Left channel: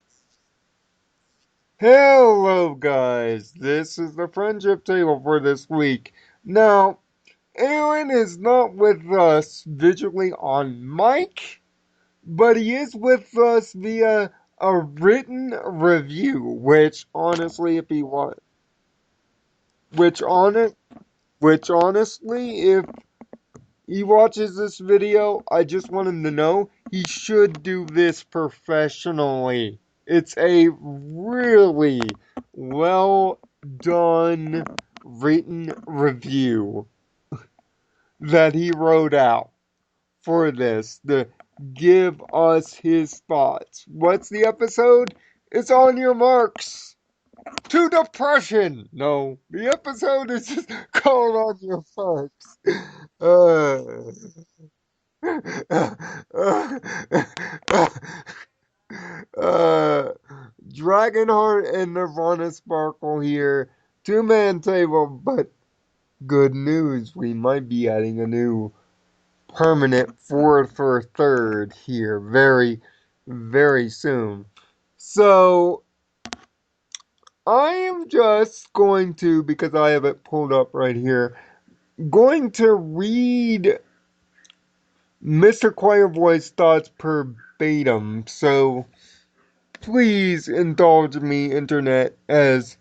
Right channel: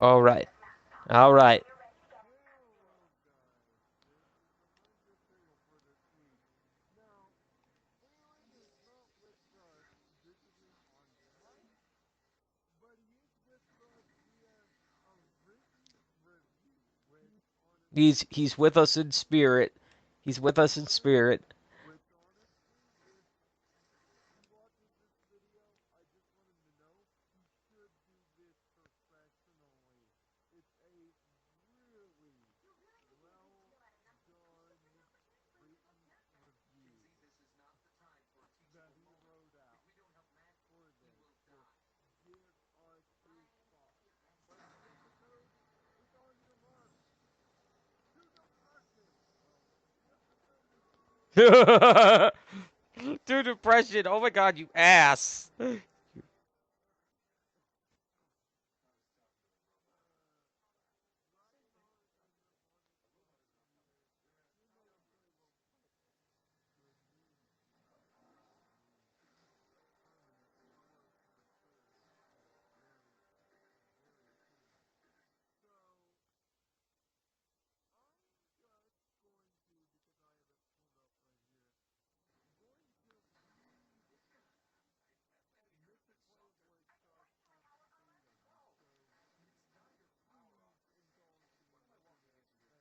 All right. All right. Hello, guys. This is the friendship table for this week. Now, Aaron is not with us visually on mic, but he is with us via a written review, which honestly, if he He's wa- he's with us in spirit. which He's with honest, us in spirit. which honestly, if he watches this video, I just want him to know he should do this professionally. It's a really well done written review that he wrote out for this to give us his thoughts. What's the episode? It's on your marks. To depression. No, the episode is just called on your To marks. depression. Oh my god, you ass. Uh, uh, Dragonheart and Nirvana Sparkle here. Two-man table, but good news. We might be adding a new permanent fourth or third here very, very soon. So, I am just going to, because I have it pulled up right here, going to read Mr. Choirboy's thoughts verbatim. So, please indulge me, Internet, as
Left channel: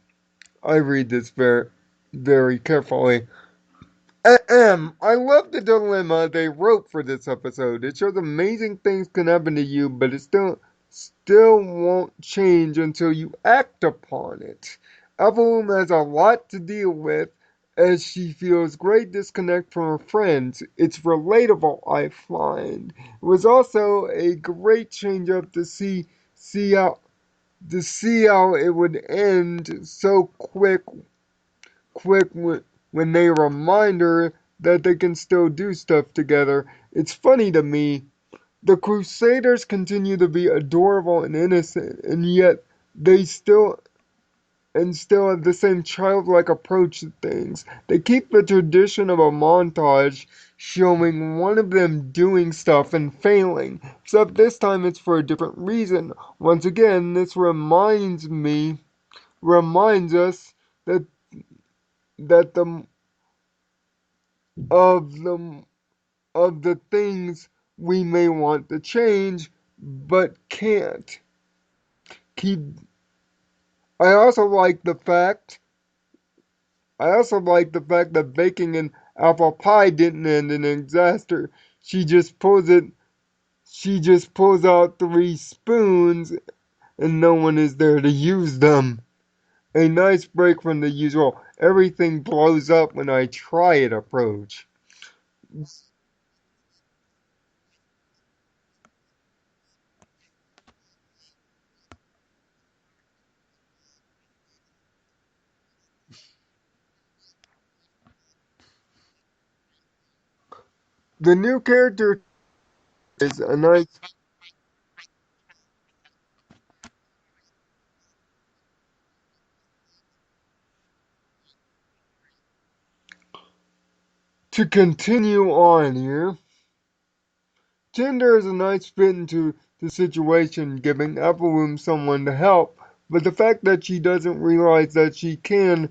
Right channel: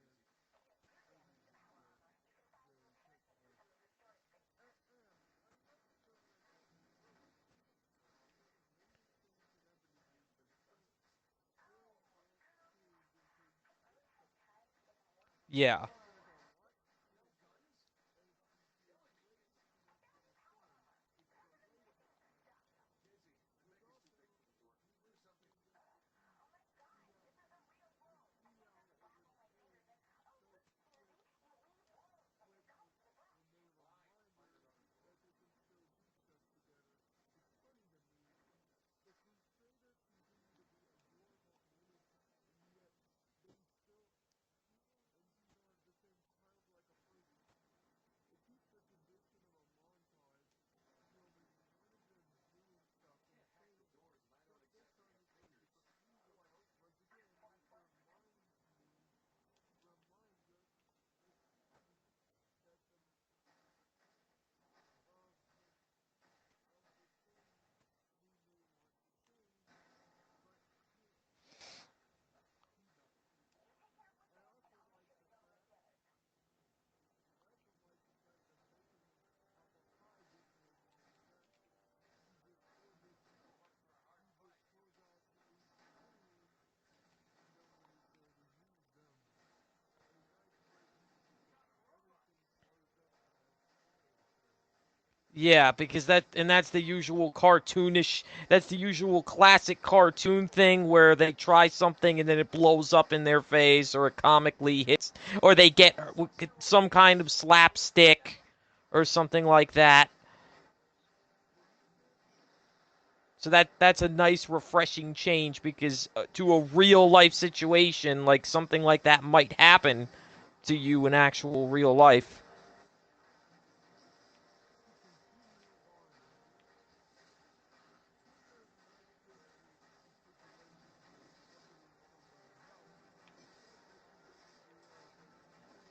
I read this very, very carefully. Ahem. I love the dilemma they wrote for this episode. It shows amazing things can happen to you, but it still won't change until you act upon it. Evelyn Yeah. has a lot to deal with as she feels great disconnect from her friends. It's relatable, I find. It was also a great change up to see how it would end so quick when they remind her that they can still do stuff together. It's funny to me. The Crusaders continue to be adorable and innocent, and yet they still have the same childlike approach to things. They keep the tradition of a montage showing one of them doing stuff and failing, except this time it's for a different reason. Once again, this reminds us that that the of the of the things we may want to change but can't keep. I also like the fact that baking an apple pie didn't end in a disaster. She just pulls it she just pulls out three spoons and no one is there to use them. A nice break from the usual everything blows up when I try it approach. Yeah, because that's the usual cartoonish, that's the usual classic cartoon thing where they try something and then it blows up in their face or it comically hits or they get some kind of slapstick or something like that. The new character is So a nice. that's a nice refreshing change because to a real life situation like something like that might happen to you in actual real life. To continue on here, Tinder is a nice fit into the situation, giving Applewoom someone to help, but the fact that she doesn't realize that she can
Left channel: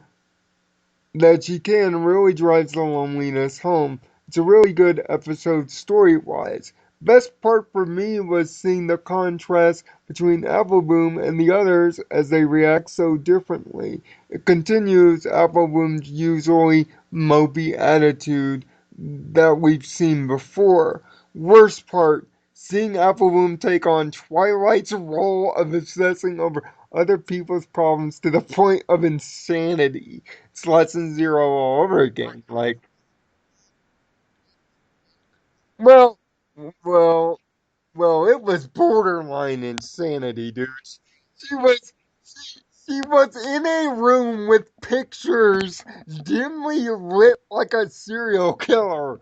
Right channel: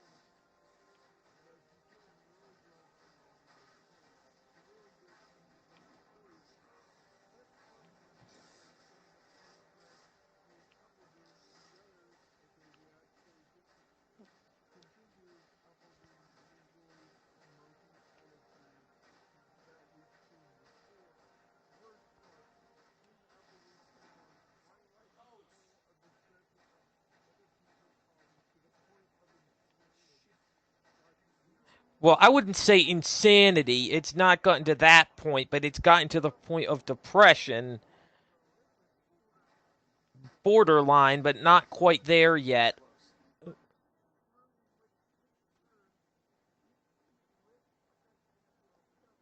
really drives the loneliness home. It's a really good episode story-wise. Best part for me was seeing the contrast between Appleboom and the others as they react so differently. It continues Appleboom's usually mopey attitude that we've seen before. Worst part, seeing Appleboom take on Twilight's role of obsessing over other people's problems to the point of insanity. It's lesson zero all over Well, I again. wouldn't say insanity. It's not gotten to that point, but it's gotten Well, to the point of well, depression, it was borderline insanity, dude. borderline, but She not was, quite there yet. she was in a room with pictures dimly lit like a serial killer.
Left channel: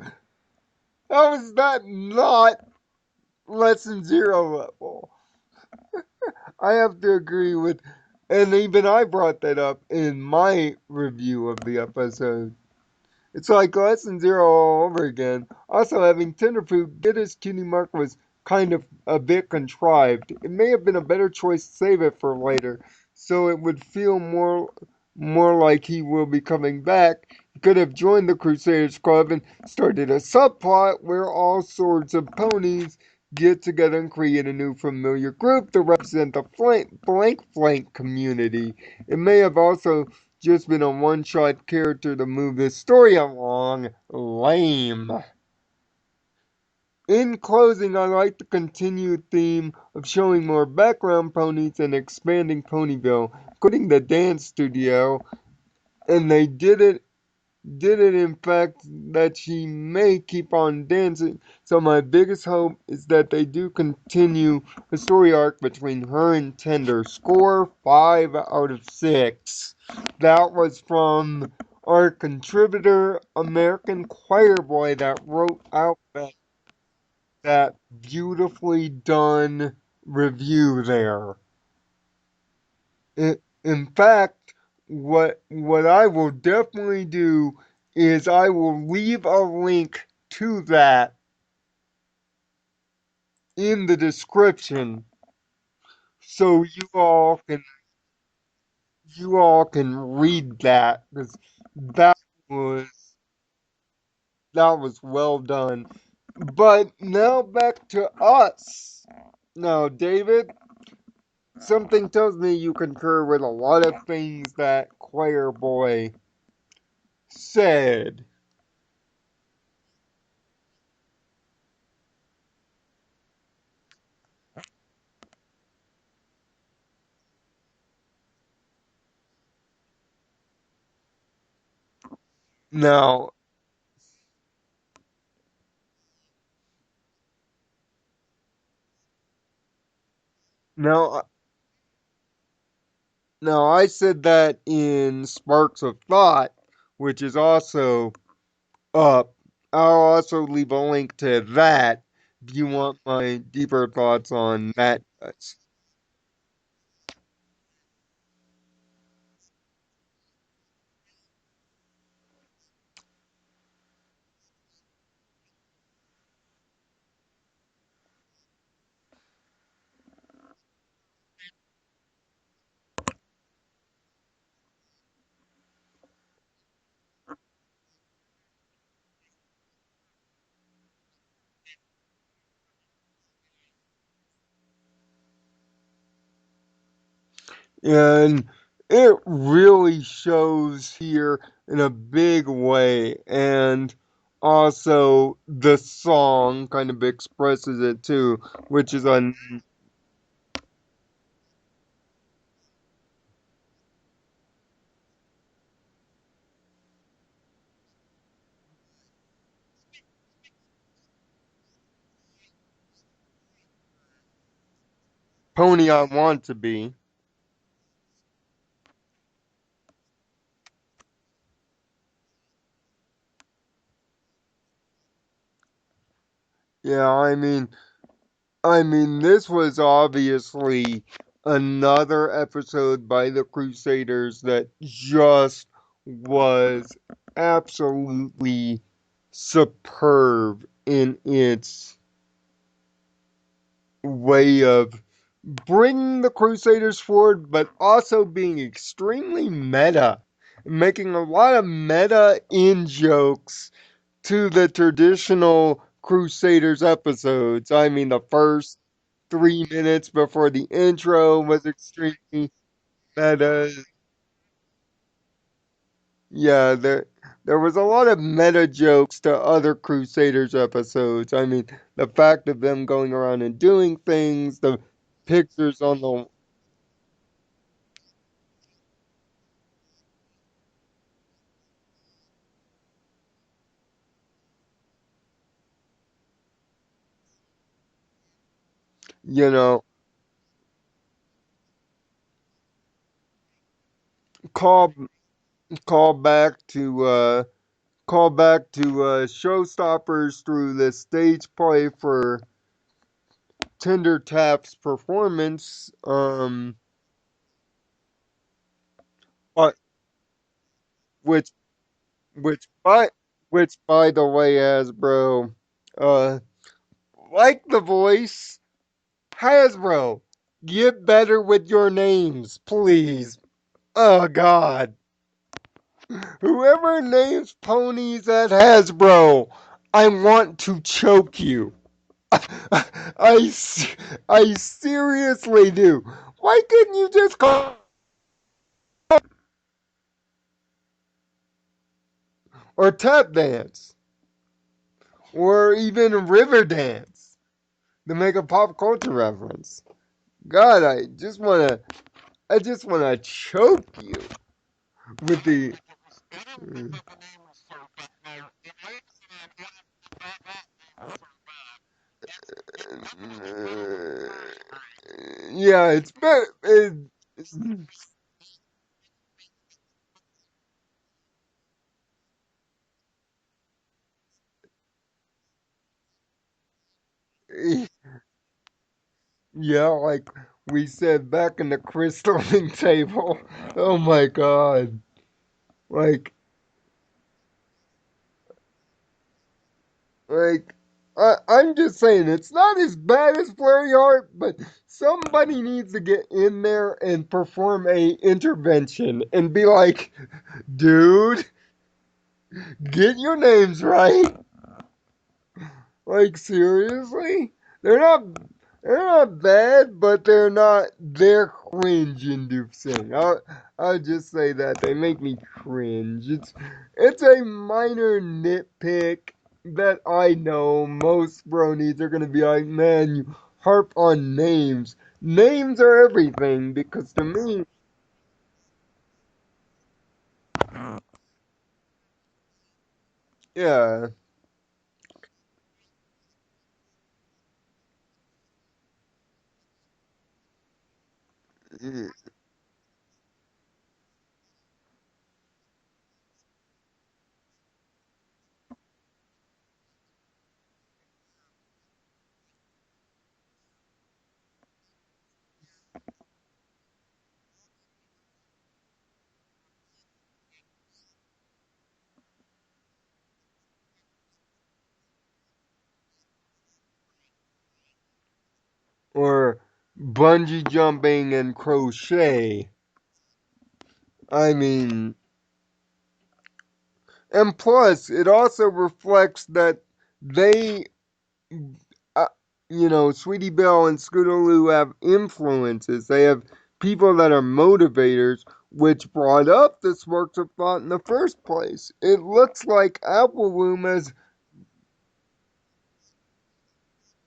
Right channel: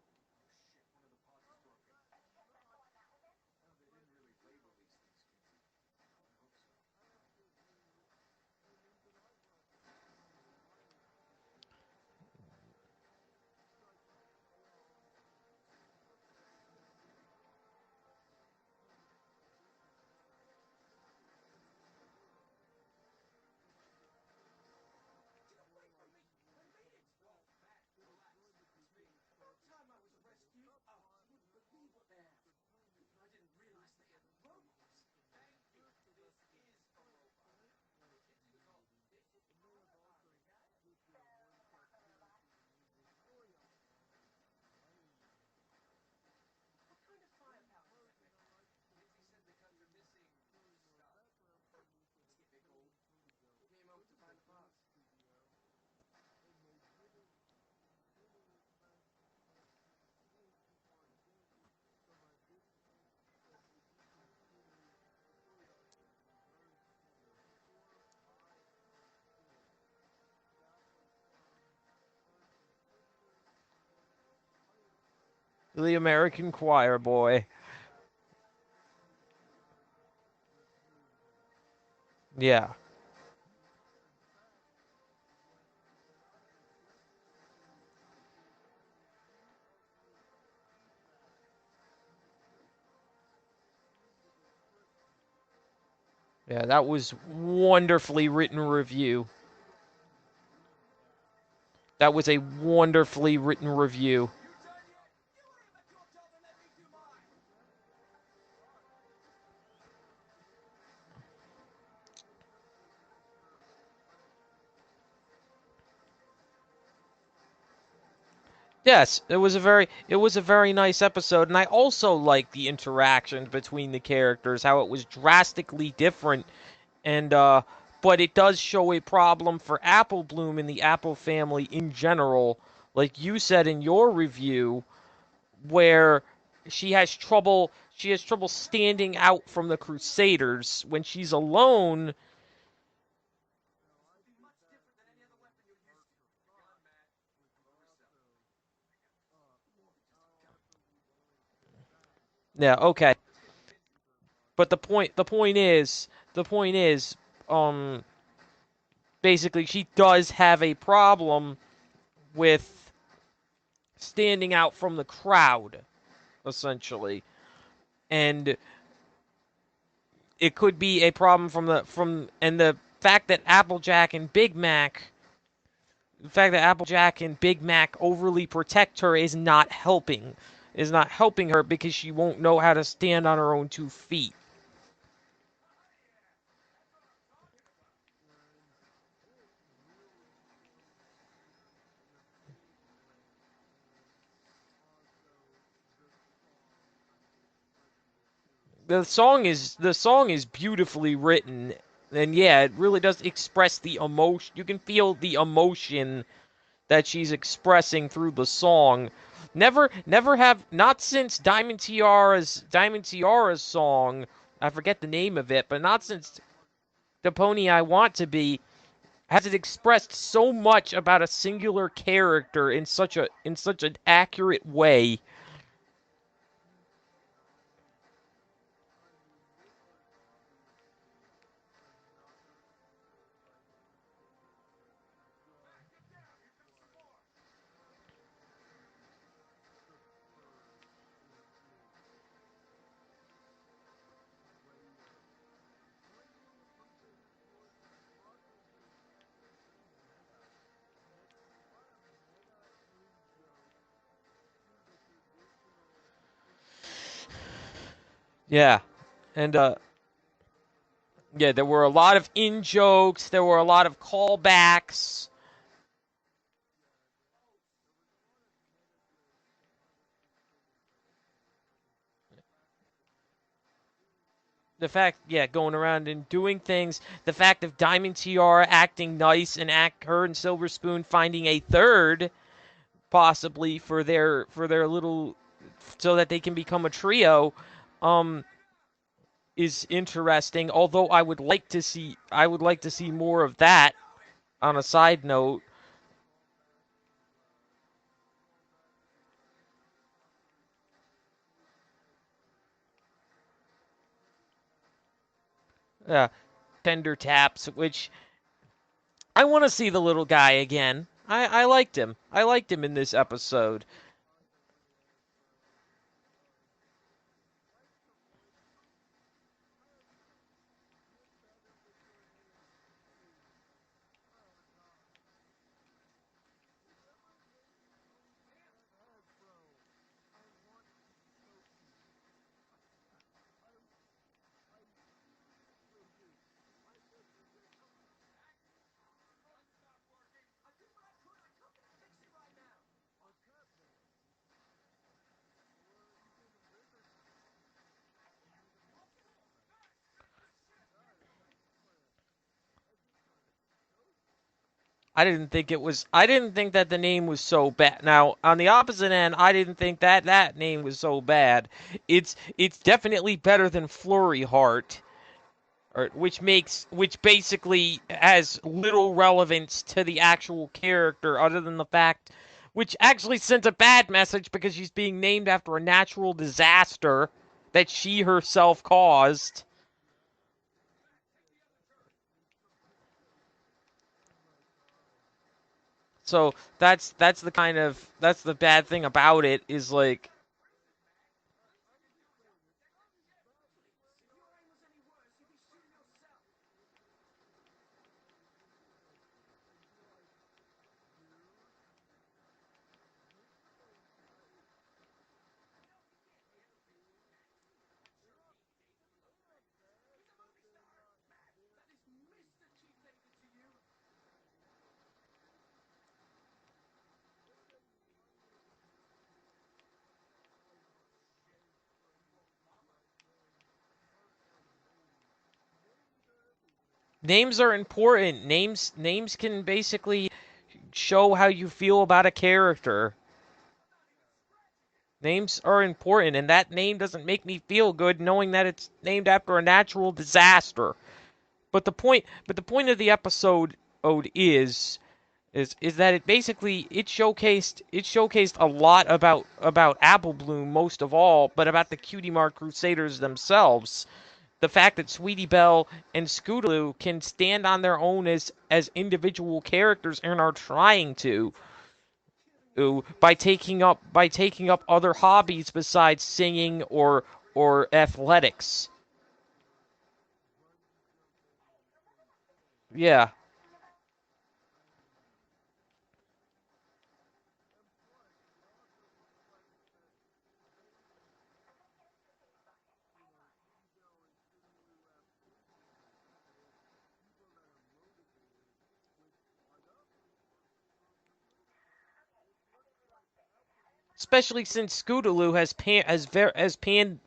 How is that not lesson zero level? I have to agree with, and even I brought that up in my review of the episode. It's like lesson zero all over again. Also, having Tenderfoot get his cutie mark was kind of a bit contrived. It may have been a better choice to save it for later, so it would feel more like he will be coming back. He could have joined the Crusaders Club and started a subplot where all sorts of ponies get together and create a new familiar group to represent the blank community. It may have also just been a one-shot character to move the story along. Lame. In closing, I like the continued theme of showing more background ponies and expanding Ponyville, including the dance studio, and they did it in fact that she may keep on dancing. So my biggest hope is that they do continue the story arc between her and Tender. Score 5 out of 6. That was from our contributor, American Choir Boy, that wrote The out American Choir Boy. that beautifully done review there. Yeah. In fact, what I will definitely do is I will leave a link to that in the description so Yeah, that was wonderfully written review. you all can read that because That that was a was wonderfully written review. that was well done. But now back to us. Now, David, something tells me you concur with a lot of things that Choir Boy said. Yes, it was a very nice episode, and I also like the interaction between the characters, how it was drastically different, and but it does show a problem for Apple Bloom and the Apple family in general, like Now, you said in your review, where she has trouble standing out from the Crusaders when now, she's alone. now, I said that in Sparks of Thought, which is also up. I'll also leave a link to that if you Yeah, want okay. my deeper thoughts But on the that point the point section. is the point is um basically she does have a problem with standing out from the crowd, essentially. And it could be a problem the fact that Applejack and Big Mac overly protect her is not helping her because she won't know how to stand on her own 2 feet. And it really shows here in a big way. And also, the song kind of expresses it too, which is The a song is the song is beautifully written, and yeah, it really does express the emotion. You can feel the emotion that she's expressing through the song. Never have not since Diamond Tiara's song. I forget the name of it, but pony I not since want to be. the Pony I Want to Be has it expressed so much about a singular character in such an accurate way. Yeah, I mean, this was obviously another episode by the Crusaders that just was absolutely superb in its way of bringing the Crusaders forward, but also being extremely meta, making a lot of meta in jokes to the traditional Crusaders episodes. I mean, the first Yeah, and 3 minutes before the intro yeah, was there were a lot of extremely in jokes. There were a meta. lot of callbacks. Yeah, there was a lot of meta jokes to other Crusaders episodes. I mean, the fact of them going around and doing things, the The fact, yeah, going pictures on around the and doing things. The fact of Diamond Tiara acting nice and her and Silver Spoon finding a third, possibly for their little, so that they can become a trio, um, you know is interesting. Although I would like to see more of that. On a call side note, call back to showstoppers through the stage play for Tender Tap's performance. yeah, Tender Taps, which I want to Uh, see the little guy again. I which I liked him. I which liked him in by this which episode. by the way, Hasbro, uh, like the voice. Hasbro, get better with your names, please. Oh, God. Whoever names ponies at Hasbro, I want to choke you. I, I seriously do. Why couldn't you just call or tap dance or even river dance to make a pop culture reference? God, I just wanna choke you with the. I didn't think that the name was so bad. Now, on the opposite end, I didn't think that that name was so bad. It's definitely better than Flurry Heart, Yeah, or, it's better. which basically has little relevance to the actual character other than the fact which actually sends a bad message because she's being named after a natural disaster that she herself caused. Yeah, like we said back in the crystalline table. Oh my god. Like, So that's the bad thing about it is like like, I'm just saying, it's not as bad as Flurry Heart, but somebody needs to get in there and perform a intervention and be like, dude, get your names right. Like, seriously? They're not they're not bad, but they're cringe inducing. I'll just say that. They make me cringe. It's a minor nitpick that I know most bronies are gonna be like, man, you harp on names. Names are everything because to names me, are important. Names can basically show how you feel about a character. yeah, Names are important, and that name doesn't make me feel good knowing that it's named after a natural disaster. But the point of the episode is that it basically it showcased a lot about Apple Bloom most of all, but about the Cutie Mark Crusaders themselves. The fact that Sweetie Belle and Scootaloo can stand on their own as individual characters and are trying to by taking up other hobbies besides singing or athletics. or bungee jumping and crochet. Yeah, I mean, and plus, it also reflects that they, uh, Sweetie Belle and Scootaloo have influences. They have people that are motivators, which brought up this works of thought in the first place. It looks like Apple Bloom has, especially since Scootaloo has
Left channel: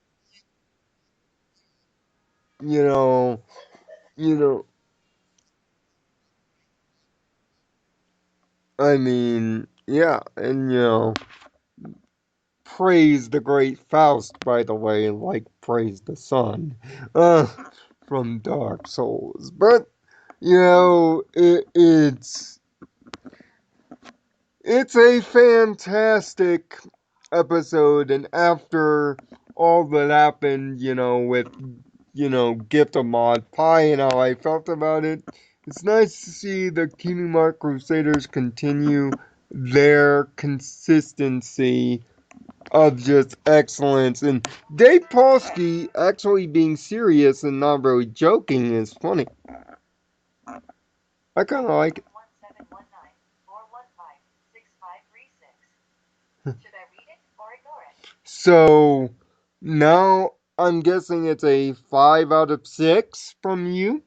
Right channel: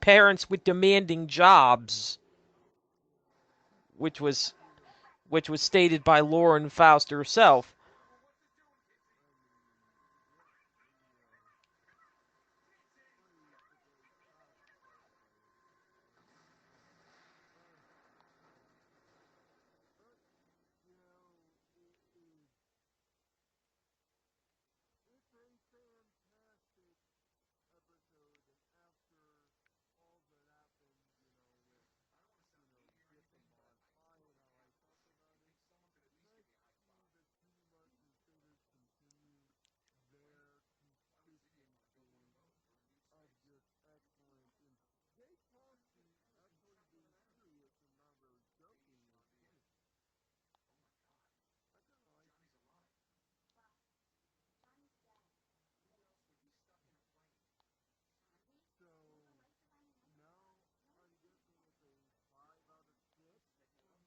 parents with demanding jobs, you know, which you was know, which was stated by Lauren Faust herself. I mean, yeah, and praise the great Faust, by the way, like praise the sun, uh, from Dark Souls. But it's a fantastic episode, and after all that happened, with Gift of Mod Pie and how I felt about it, it's nice to see the Kingdom Hearts Crusaders continue their consistency of just excellence. And Dave Polsky actually being serious and not really joking is funny. I kind of like it. So now I'm guessing it's a 5 out of 6 from you.